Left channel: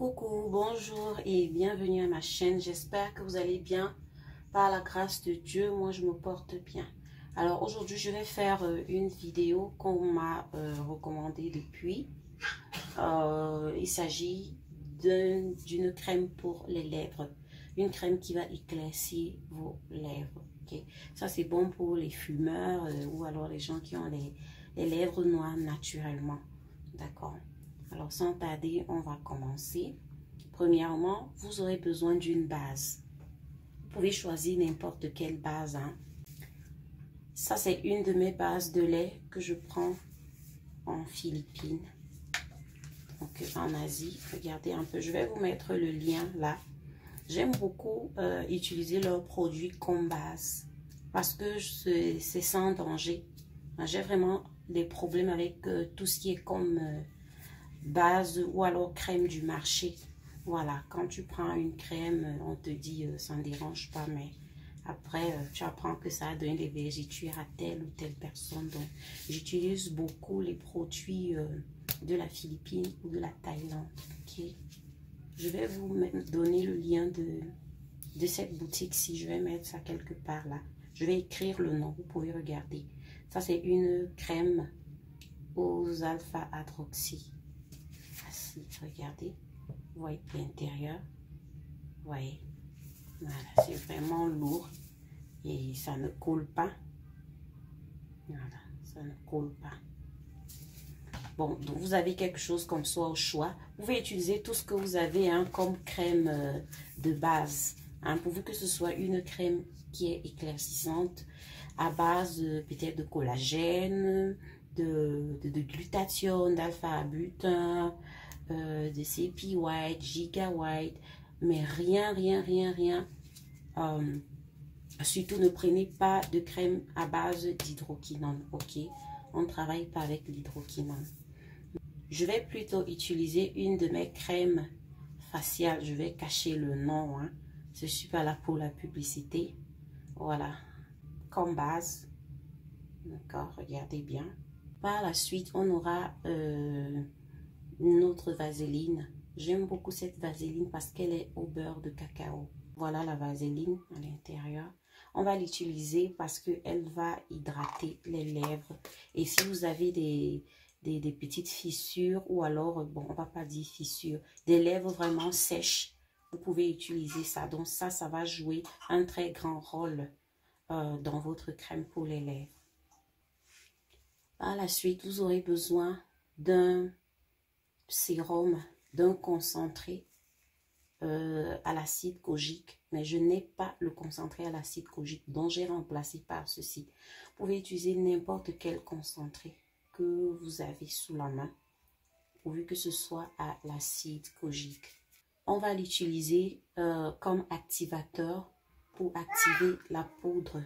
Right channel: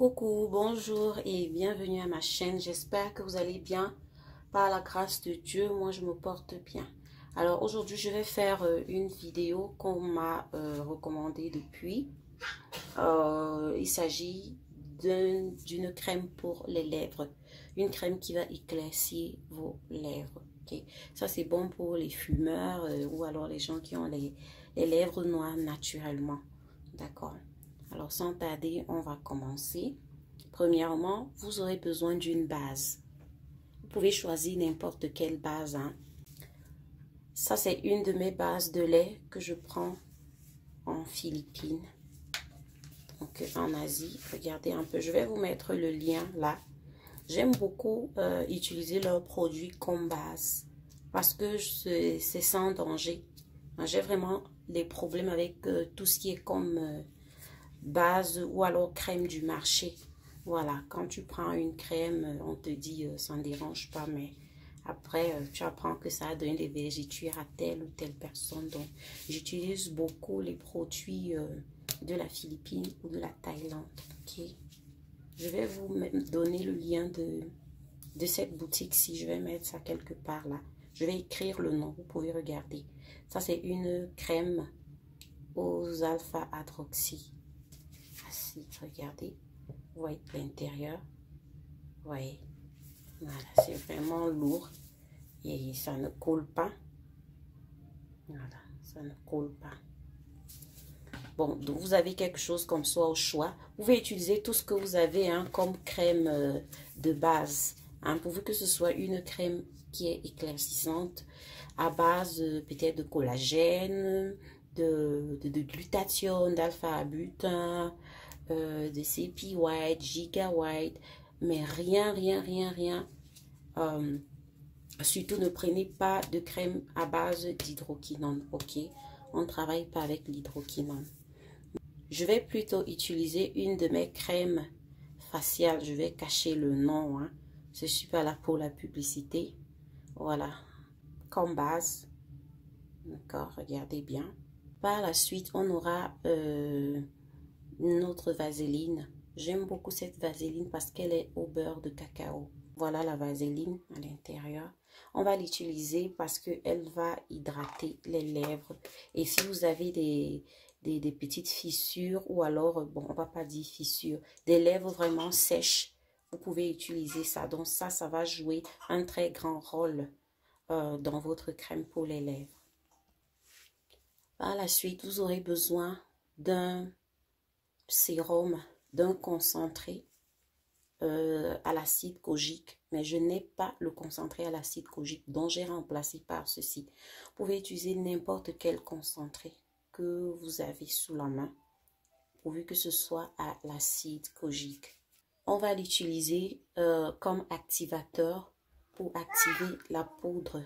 Coucou, bonjour et bienvenue à ma chaîne. J'espère que vous allez bien. Par la grâce de Dieu, moi je me porte bien. Alors aujourd'hui, je vais faire une vidéo qu'on m'a recommandée depuis. Il s'agit d'une crème pour les lèvres. Une crème qui va éclaircir vos lèvres. Okay? Ça, c'est bon pour les fumeurs ou alors les gens qui ont les lèvres noires naturellement. D'accord? Alors, sans tarder, on va commencer. Premièrement, vous aurez besoin d'une base. Vous pouvez choisir n'importe quelle base. Hein. Ça, c'est une de mes bases de lait que je prends en Philippines. Donc, en Asie. Regardez un peu. Je vais vous mettre le lien là. J'aime beaucoup utiliser leurs produits comme base. Parce que c'est sans danger. J'ai vraiment des problèmes avec tout ce qui est comme... base ou alors crème du marché. Voilà, quand tu prends une crème, on te dit ça ne dérange pas, mais après tu apprends que ça a donné des vergetures à telle ou telle personne. Donc j'utilise beaucoup les produits de la Philippine ou de la Thaïlande. Okay? Je vais vous donner le lien de cette boutique si je vais mettre ça quelque part là. Je vais écrire le nom, vous pouvez regarder. Ça c'est une crème aux alpha-hydroxy. Regardez, vous voyez l'intérieur, vous voyez, voilà, c'est vraiment lourd et ça ne coule pas, voilà, ça ne coule pas. Bon, donc vous avez quelque chose comme ça au choix, vous pouvez utiliser tout ce que vous avez hein, comme crème de base, hein, pourvu que ce soit une crème qui est éclaircissante à base peut-être de collagène, de glutathione, d'alpha-butin, de CP White, Giga White, mais rien. Surtout ne prenez pas de crème à base d'hydroquinone, ok? On ne travaille pas avec l'hydroquinone. Je vais plutôt utiliser une de mes crèmes faciales. Je vais cacher le nom, hein. Je suis pas là pour la publicité. Voilà, comme base. D'accord, regardez bien. Par la suite, on aura... notre vaseline. J'aime beaucoup cette vaseline parce qu'elle est au beurre de cacao. Voilà la vaseline à l'intérieur. On va l'utiliser parce qu'elle va hydrater les lèvres. Et si vous avez des petites fissures ou alors, bon, on va pas dire fissures, des lèvres vraiment sèches, vous pouvez utiliser ça. Donc ça va jouer un très grand rôle dans votre crème pour les lèvres. Par la suite, vous aurez besoin d'un sérum, d'un concentré à l'acide kojique, mais je n'ai pas le concentré à l'acide kojique, donc j'ai remplacé par ceci. Vous pouvez utiliser n'importe quel concentré que vous avez sous la main, pourvu que ce soit à l'acide kojique. On va l'utiliser comme activateur pour activer la poudre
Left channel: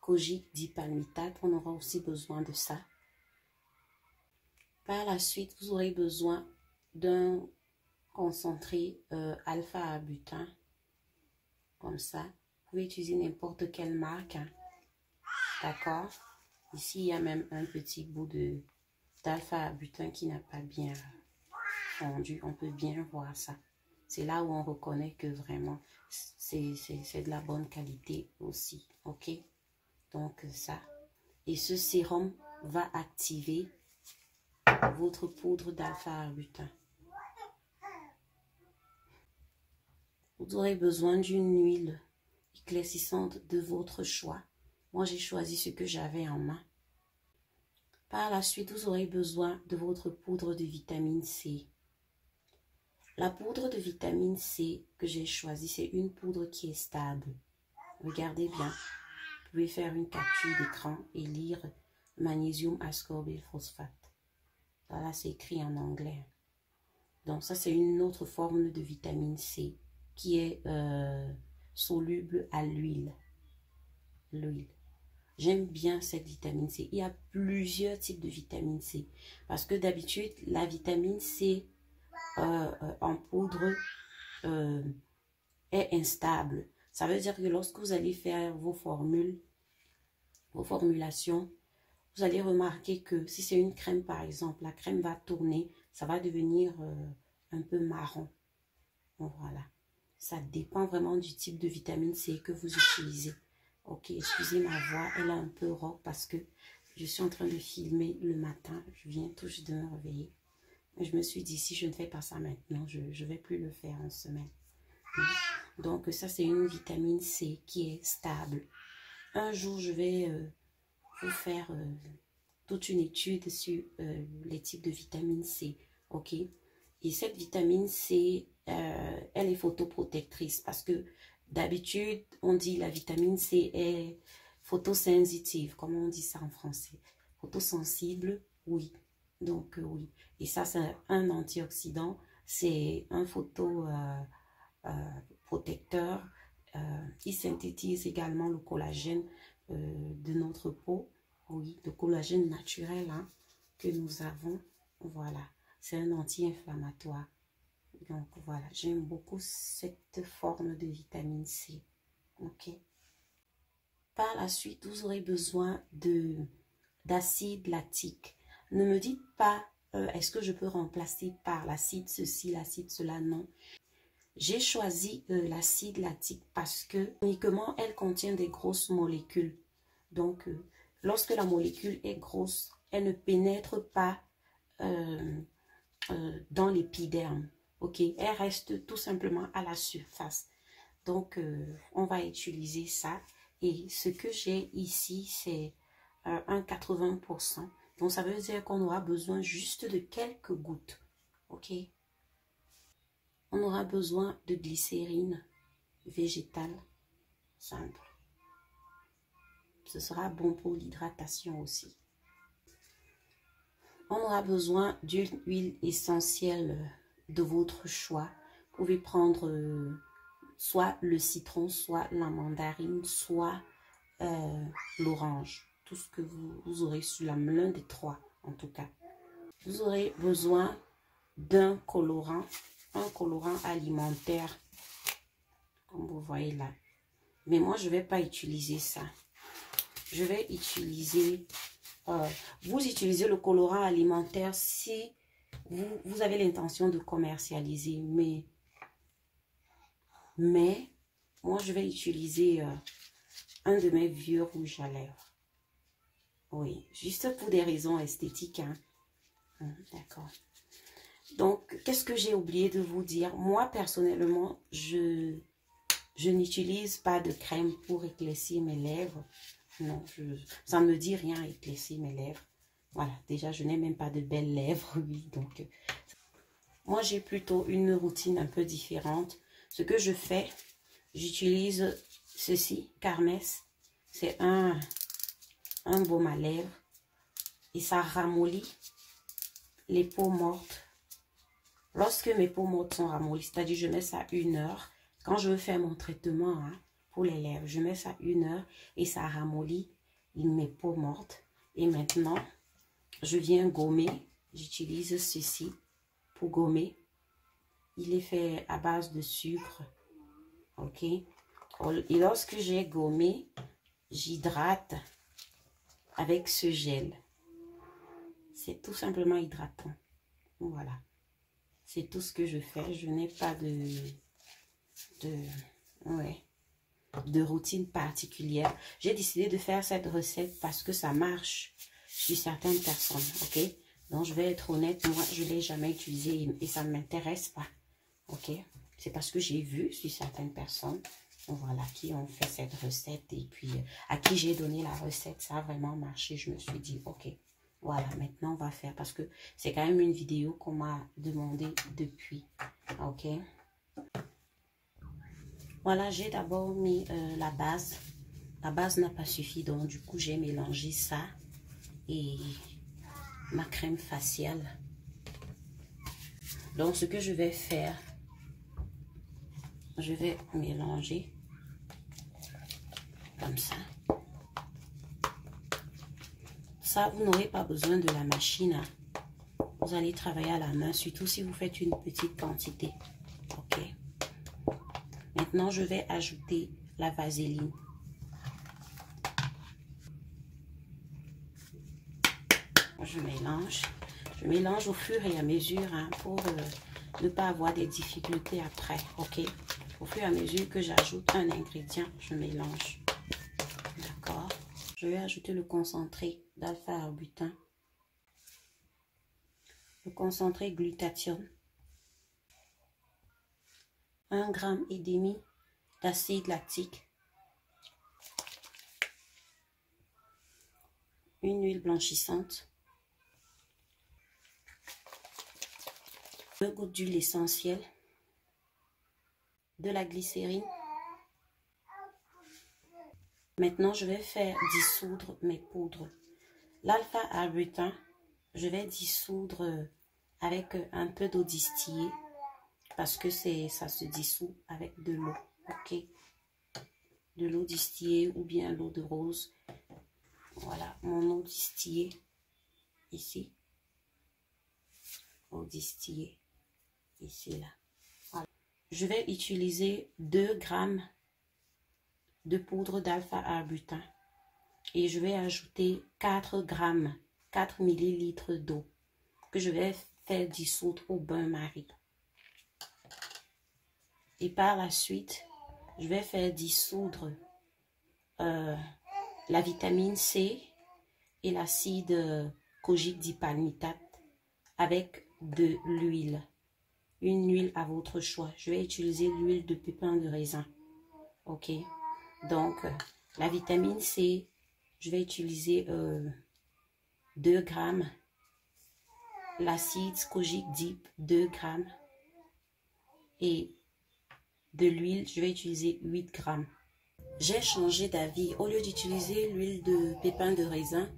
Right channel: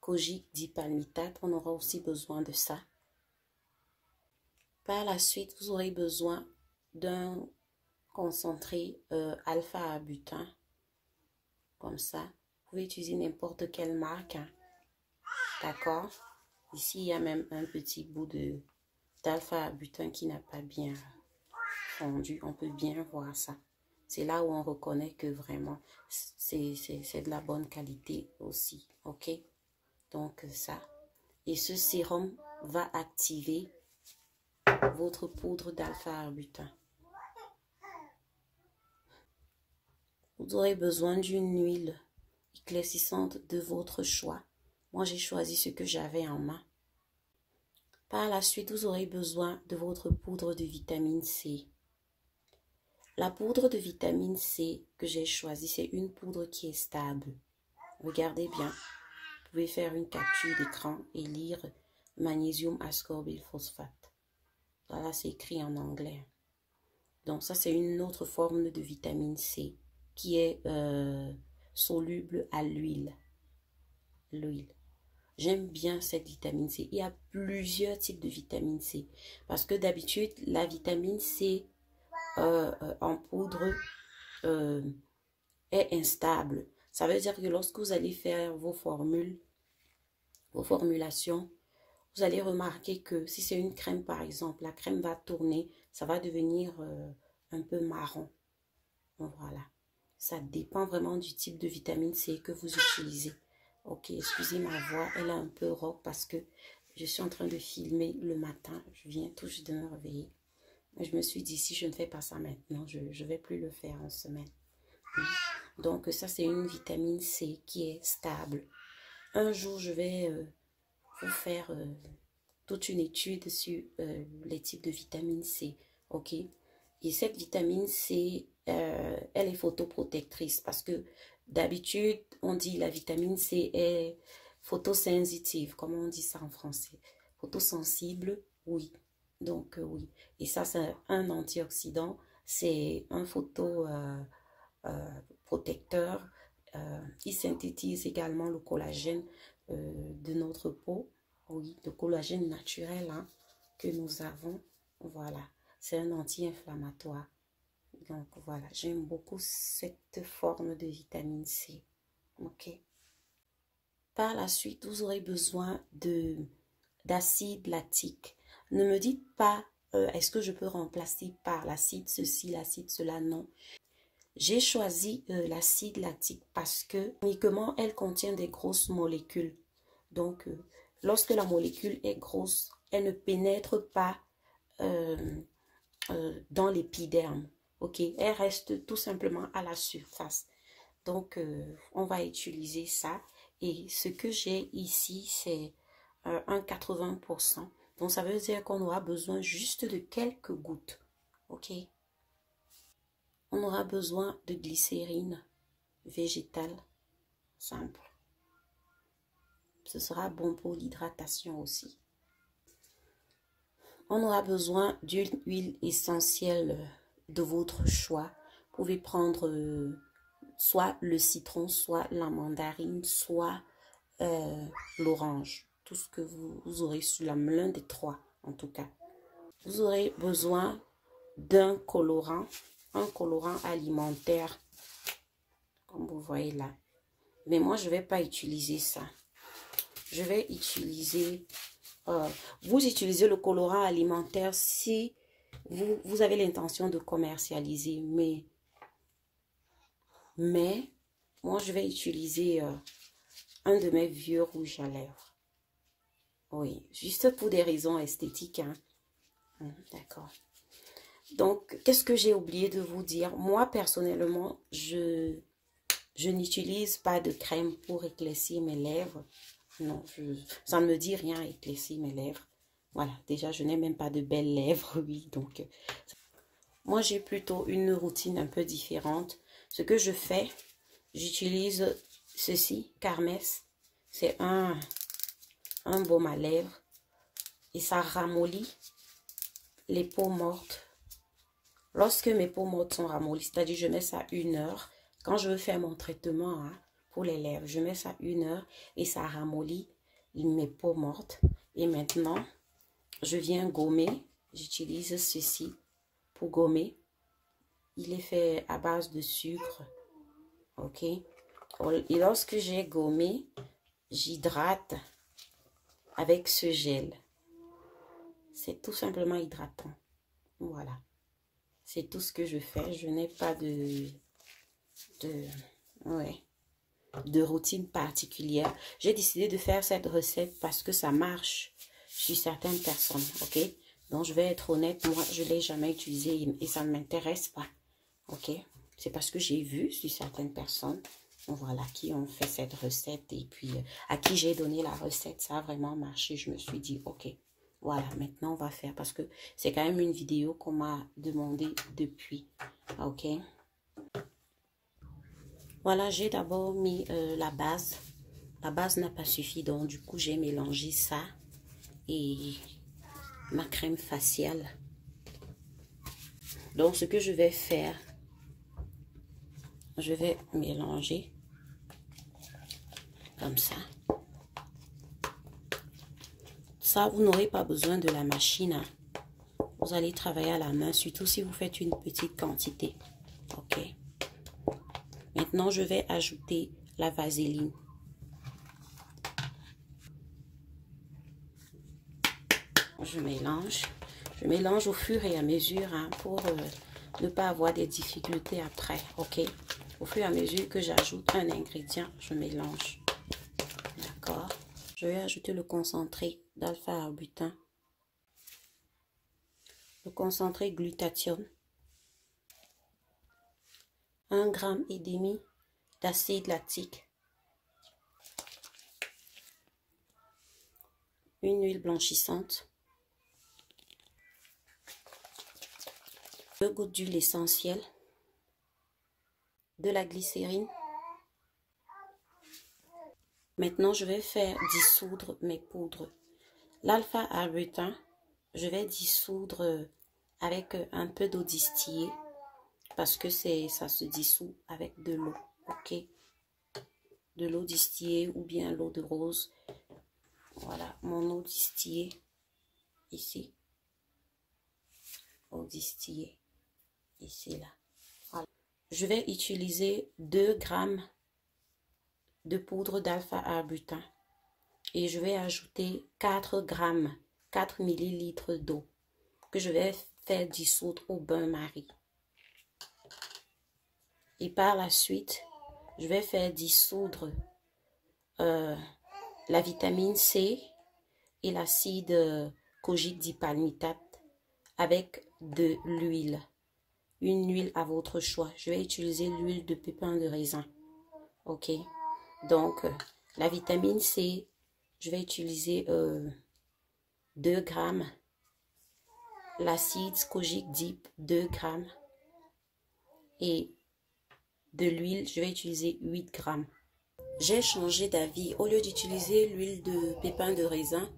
kojique dipalmitate. On aura aussi besoin de ça. Par la suite, vous aurez besoin d'un concentré alpha-butin, comme ça. Vous pouvez utiliser n'importe quelle marque, hein. D'accord? Ici, il y a même un petit bout d'alpha-butin qui n'a pas bien fondu. On peut bien voir ça. C'est là où on reconnaît que vraiment, c'est de la bonne qualité aussi. OK? Donc, ça. Et ce sérum va activer votre poudre d'alpha-butin. Vous aurez besoin d'une huile éclaircissante de votre choix. Moi, j'ai choisi ce que j'avais en main. Par la suite, vous aurez besoin de votre poudre de vitamine C. La poudre de vitamine C que j'ai choisie, c'est une poudre qui est stable. Regardez bien. Vous pouvez faire une capture d'écran et lire magnésium ascorbyl phosphate. Voilà, c'est écrit en anglais. Donc ça, c'est une autre forme de vitamine C qui est soluble à l'huile. J'aime bien cette vitamine C. Il y a plusieurs types de vitamine C. Parce que d'habitude, la vitamine C en poudre est instable. Ça veut dire que lorsque vous allez faire vos formulations, vous allez remarquer que si c'est une crème par exemple, la crème va tourner, ça va devenir un peu marron. Donc, voilà. Ça dépend vraiment du type de vitamine C que vous utilisez. Ok, excusez ma voix, elle est un peu rauque parce que je suis en train de filmer le matin. Je viens tout juste de me réveiller. Je me suis dit, si je ne fais pas ça maintenant, je ne vais plus le faire en semaine. Donc, ça, c'est une vitamine C qui est stable. Un jour, je vais vous faire toute une étude sur les types de vitamine C. Ok? Et cette vitamine C, elle est photoprotectrice parce que d'habitude, on dit la vitamine C est photosensitive. Comment on dit ça en français? Photosensible, oui. Donc, oui. Et ça, c'est un antioxydant. C'est un photoprotecteur. Il synthétise également le collagène de notre peau. Oui, le collagène naturel hein, que nous avons. Voilà. C'est un anti-inflammatoire. Donc, voilà. J'aime beaucoup cette forme de vitamine C. OK. Par la suite, vous aurez besoin d'acide lactique. Ne me dites pas, est-ce que je peux remplacer par l'acide ceci, l'acide cela? Non. J'ai choisi l'acide lactique parce que uniquement elle contient des grosses molécules. Donc, lorsque la molécule est grosse, elle ne pénètre pas dans l'épiderme. Ok, elle reste tout simplement à la surface. Donc, on va utiliser ça. Et ce que j'ai ici, c'est un 80%. Donc, ça veut dire qu'on aura besoin juste de quelques gouttes. Ok. On aura besoin de glycérine végétale simple. Ce sera bon pour l'hydratation aussi. On aura besoin d'une huile essentielle de votre choix. Vous pouvez prendre soit le citron, soit la mandarine, soit l'orange. Tout ce que vous aurez sous la main, l'un des trois en tout cas. Vous aurez besoin d'un colorant, un colorant alimentaire, comme vous voyez là. Mais moi, je ne vais pas utiliser ça. Je vais utiliser... vous utilisez le colorant alimentaire si vous avez l'intention de commercialiser. Mais moi, je vais utiliser un de mes vieux rouges à lèvres. Oui, juste pour des raisons esthétiques. Hein. D'accord. Donc, qu'est-ce que j'ai oublié de vous dire? Moi, personnellement, je n'utilise pas de crème pour éclaircir mes lèvres. Non, ça ne me dit rien éclaircir mes lèvres. Voilà, déjà, je n'ai même pas de belles lèvres, oui. Donc, moi, j'ai plutôt une routine un peu différente. Ce que je fais, j'utilise ceci, Carmes. C'est un baume à lèvres. Et ça ramollit les peaux mortes. Lorsque mes peaux mortes sont ramollies, c'est-à-dire je mets ça 1 heure. Quand je veux faire mon traitement hein, pour les lèvres, je mets ça 1 heure et ça ramollit mes peaux mortes. Et maintenant, je viens gommer. J'utilise ceci pour gommer. Il est fait à base de sucre. Ok. Et lorsque j'ai gommé, j'hydrate avec ce gel. C'est tout simplement hydratant. Voilà. C'est tout ce que je fais. Je n'ai pas de routine particulière. J'ai décidé de faire cette recette parce que ça marche sur certaines personnes. Ok. Donc, je vais être honnête. Moi, je ne l'ai jamais utilisé et ça ne m'intéresse pas. Ok. C'est parce que j'ai vu sur certaines personnes. Voilà, qui ont fait cette recette et puis à qui j'ai donné la recette. Ça a vraiment marché. Je me suis dit, ok. Voilà, maintenant on va faire parce que c'est quand même une vidéo qu'on m'a demandé depuis. Ok. Voilà, j'ai d'abord mis la base. La base n'a pas suffi, donc du coup j'ai mélangé ça et ma crème faciale. Donc ce que je vais faire, je vais mélanger comme ça. Ça, vous n'aurez pas besoin de la machine. Hein. Vous allez travailler à la main, surtout si vous faites une petite quantité. Ok. Maintenant, je vais ajouter la vaseline. Je mélange. Je mélange au fur et à mesure hein, pour ne pas avoir des difficultés après, ok? Au fur et à mesure que j'ajoute un ingrédient, je mélange. D'accord? Je vais ajouter le concentré d'alpha-arbutin, le concentré glutathione, 1,5 g d'acide lactique, une huile blanchissante, 2 gouttes d'huile essentielle, de la glycérine. Maintenant, je vais faire dissoudre mes poudres. L'alpha-arbutin, je vais dissoudre avec un peu d'eau distillée parce que ça se dissout avec de l'eau, ok? De l'eau distillée ou bien l'eau de rose. Voilà, mon eau distillée ici. Eau distillée ici, là. Voilà. Je vais utiliser 2 grammes de poudre d'alpha-arbutin et je vais ajouter 4 grammes, 4 millilitres d'eau que je vais faire dissoudre au bain-marie. Et par la suite, je vais faire dissoudre la vitamine C et l'acide kojique dipalmitate avec de l'huile. Une huile à votre choix. Je vais utiliser l'huile de pépin de raisin. Ok. Donc, la vitamine C, je vais utiliser 2 grammes. L'acide kojique dip, 2 grammes. Et de l'huile, je vais utiliser 8 grammes. J'ai changé d'avis. Au lieu d'utiliser l'huile de pépin de raisin,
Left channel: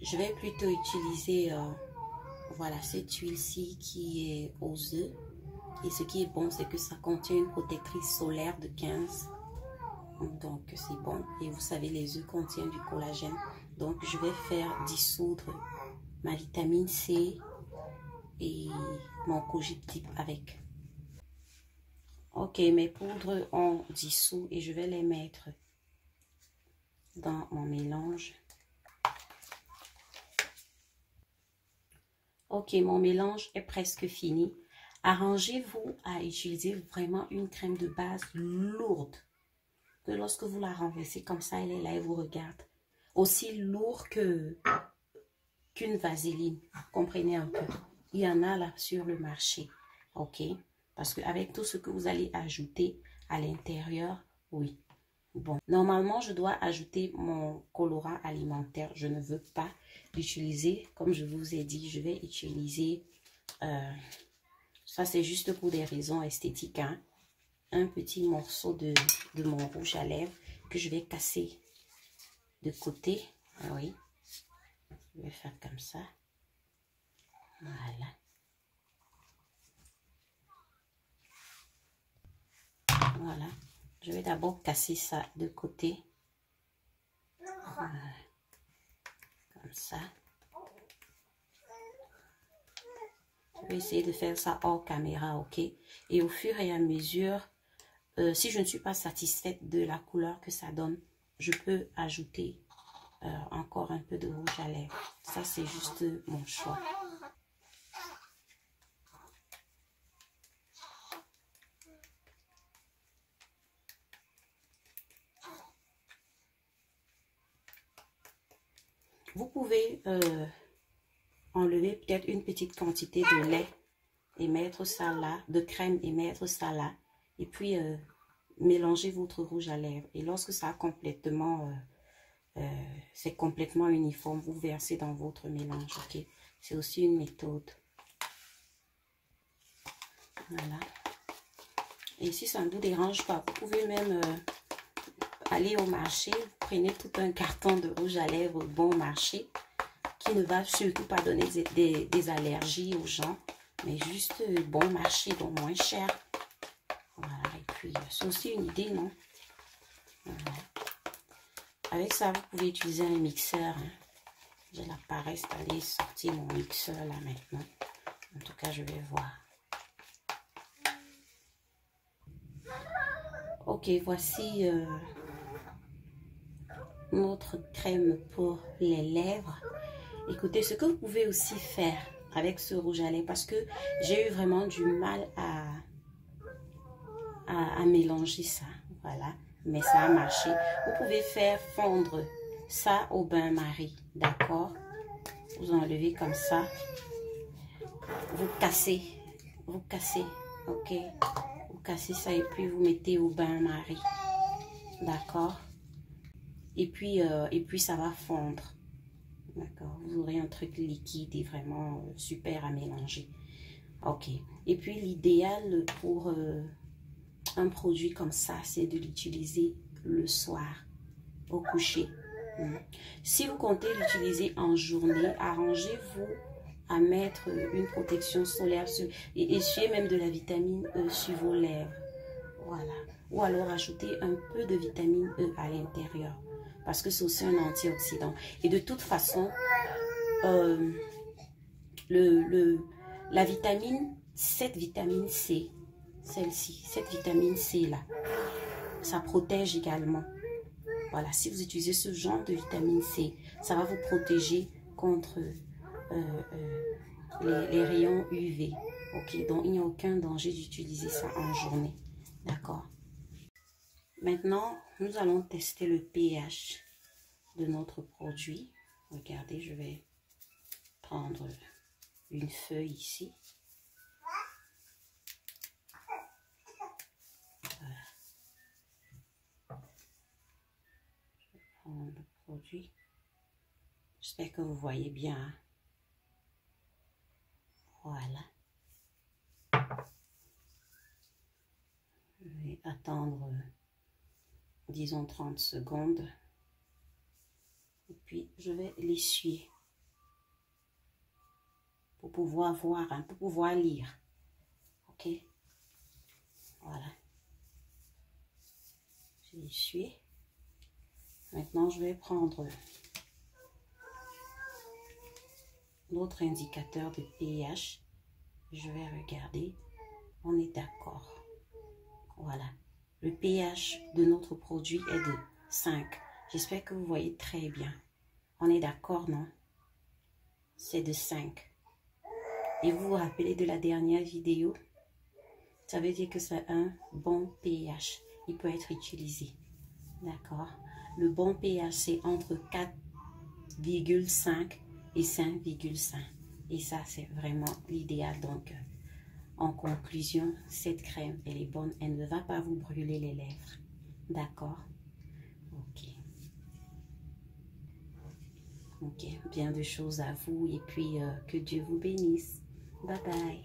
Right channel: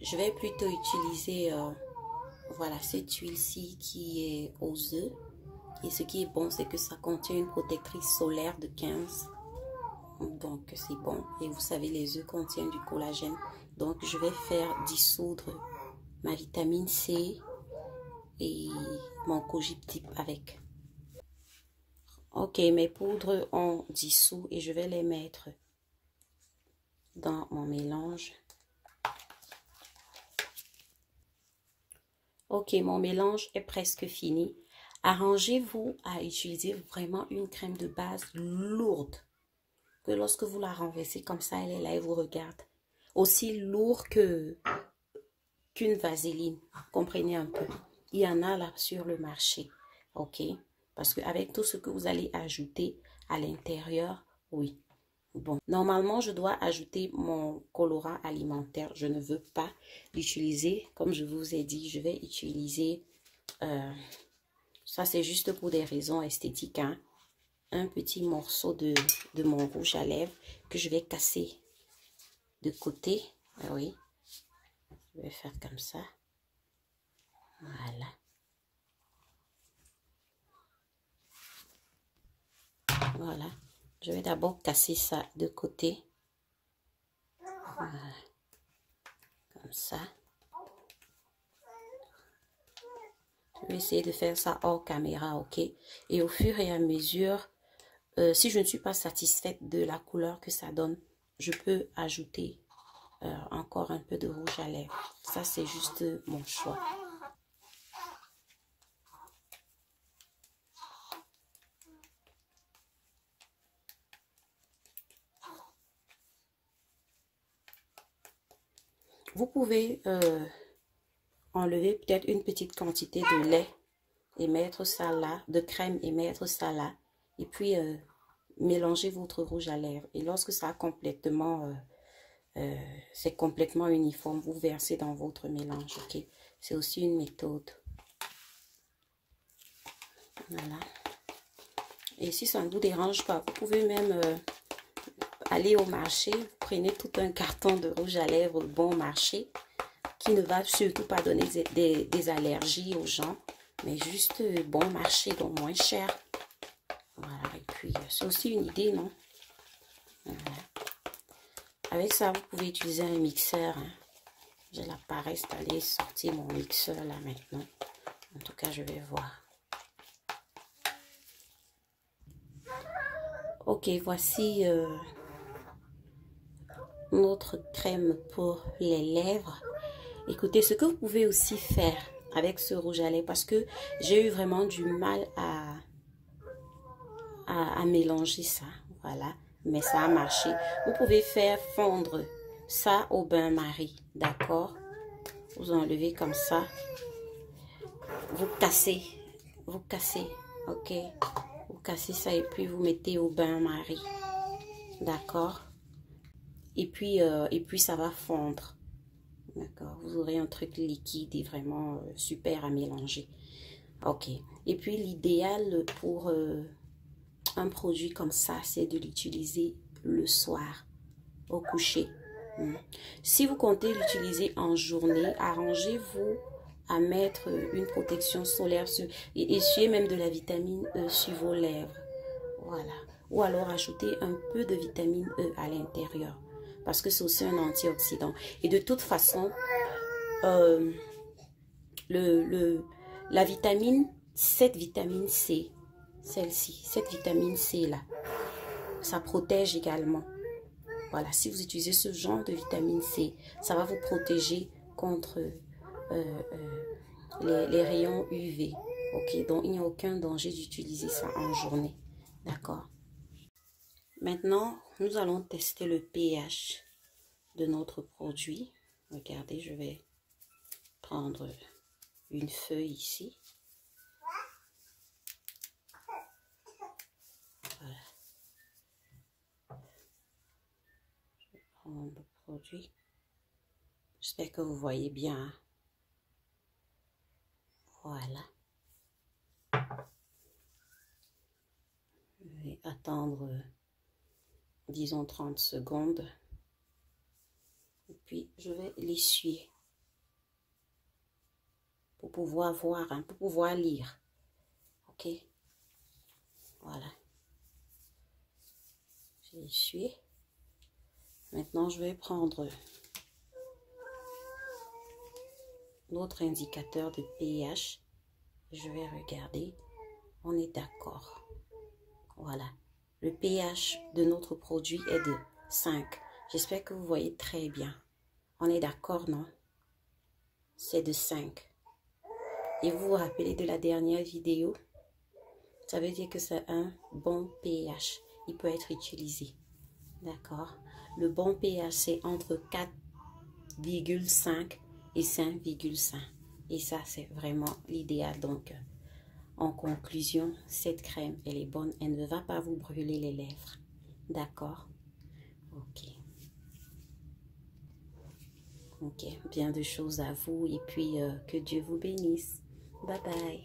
je vais plutôt utiliser voilà, cette huile-ci qui est aux œufs. Et ce qui est bon, c'est que ça contient une protectrice solaire de 15. Donc, c'est bon. Et vous savez, les œufs contiennent du collagène. Donc, je vais faire dissoudre ma vitamine C et mon kojique dip avec. Ok, mes poudres ont dissous et je vais les mettre dans mon mélange. Ok, mon mélange est presque fini. Arrangez-vous à utiliser vraiment une crème de base lourde. Que lorsque vous la renversez comme ça, elle est là et vous regarde. Aussi lourd qu'une vaseline. Comprenez un peu. Il y en a là sur le marché. Ok. Parce qu'avec tout ce que vous allez ajouter à l'intérieur, oui. Bon, normalement, je dois ajouter mon colorant alimentaire. Je ne veux pas l'utiliser. Comme je vous ai dit, je vais utiliser... ça, c'est juste pour des raisons esthétiques. Hein. Un petit morceau de mon rouge à lèvres que je vais casser de côté. Ah oui. Je vais faire comme ça. Voilà. Voilà. Je vais d'abord casser ça de côté. Voilà. Comme ça. Je vais essayer de faire ça hors caméra, ok? Et au fur et à mesure, si je ne suis pas satisfaite de la couleur que ça donne, je peux ajouter encore un peu de rouge à lèvres. Ça, c'est juste mon choix. Vous pouvez enlever peut-être une petite quantité de lait et mettre ça là, de crème et mettre ça là. Et puis, mélanger votre rouge à lèvres. Et lorsque ça a complètement, c'est complètement uniforme, vous versez dans votre mélange, ok? C'est aussi une méthode. Voilà. Et si ça ne vous dérange pas, vous pouvez même aller au marché, prenez tout un carton de rouge à lèvres bon marché, qui ne va surtout pas donner des allergies aux gens, mais juste bon marché, donc moins cher. Voilà, et puis c'est aussi une idée, non? Voilà. Avec ça, vous pouvez utiliser un mixeur. Hein. J'ai la paresse d'aller sortir mon mixeur là maintenant. En tout cas, je vais voir. Ok, voici notre crème pour les lèvres. Écoutez, ce que vous pouvez aussi faire, avec ce rouge à lèvres parce que j'ai eu vraiment du mal à mélanger ça. Voilà, mais ça a marché. Vous pouvez faire fondre ça au bain-marie, d'accord? Vous enlevez comme ça. Vous cassez, ok? Vous cassez ça et puis vous mettez au bain-marie, d'accord? Et puis ça va fondre, d'accord? Vous aurez un truc liquide et vraiment super à mélanger, ok? Et puis l'idéal pour un produit comme ça, c'est de l'utiliser le soir, au coucher. Si vous comptez l'utiliser en journée, arrangez-vous à mettre une protection solaire et essuyez même de la vitamine E sur vos lèvres. Voilà. Ou alors ajoutez un peu de vitamine E à l'intérieur parce que c'est aussi un antioxydant. Et de toute façon, la vitamine, cette vitamine C, celle-ci, cette vitamine C là, ça protège également. Voilà, si vous utilisez ce genre de vitamine C, ça va vous protéger contre les rayons UV. Ok, donc il n'y a aucun danger d'utiliser ça en journée. D'accord. Maintenant, nous allons tester le pH de notre produit. Regardez, je vais prendre une feuille ici. Voilà. Je vais prendre le produit. J'espère que vous voyez bien. Voilà. Je vais attendre, disons, 30 secondes. Et puis, je vais l'essuyer pour pouvoir voir, hein, pour pouvoir lire. Ok? Voilà. J'ai essuyé. Maintenant, je vais prendre notre indicateur de pH. Je vais regarder. On est d'accord. Voilà. Le pH de notre produit est de 5. J'espère que vous voyez très bien. On est d'accord, non? C'est de 5. Et vous vous rappelez de la dernière vidéo? Ça veut dire que c'est un bon pH. Il peut être utilisé. D'accord? Le bon pH, c'est entre 4,5 et 5,5. Et ça, c'est vraiment l'idéal. Donc, en conclusion, cette crème, elle est bonne. Elle ne va pas vous brûler les lèvres. D'accord? Ok. Ok. Bien de choses à vous. Et puis, que Dieu vous bénisse. Bye bye.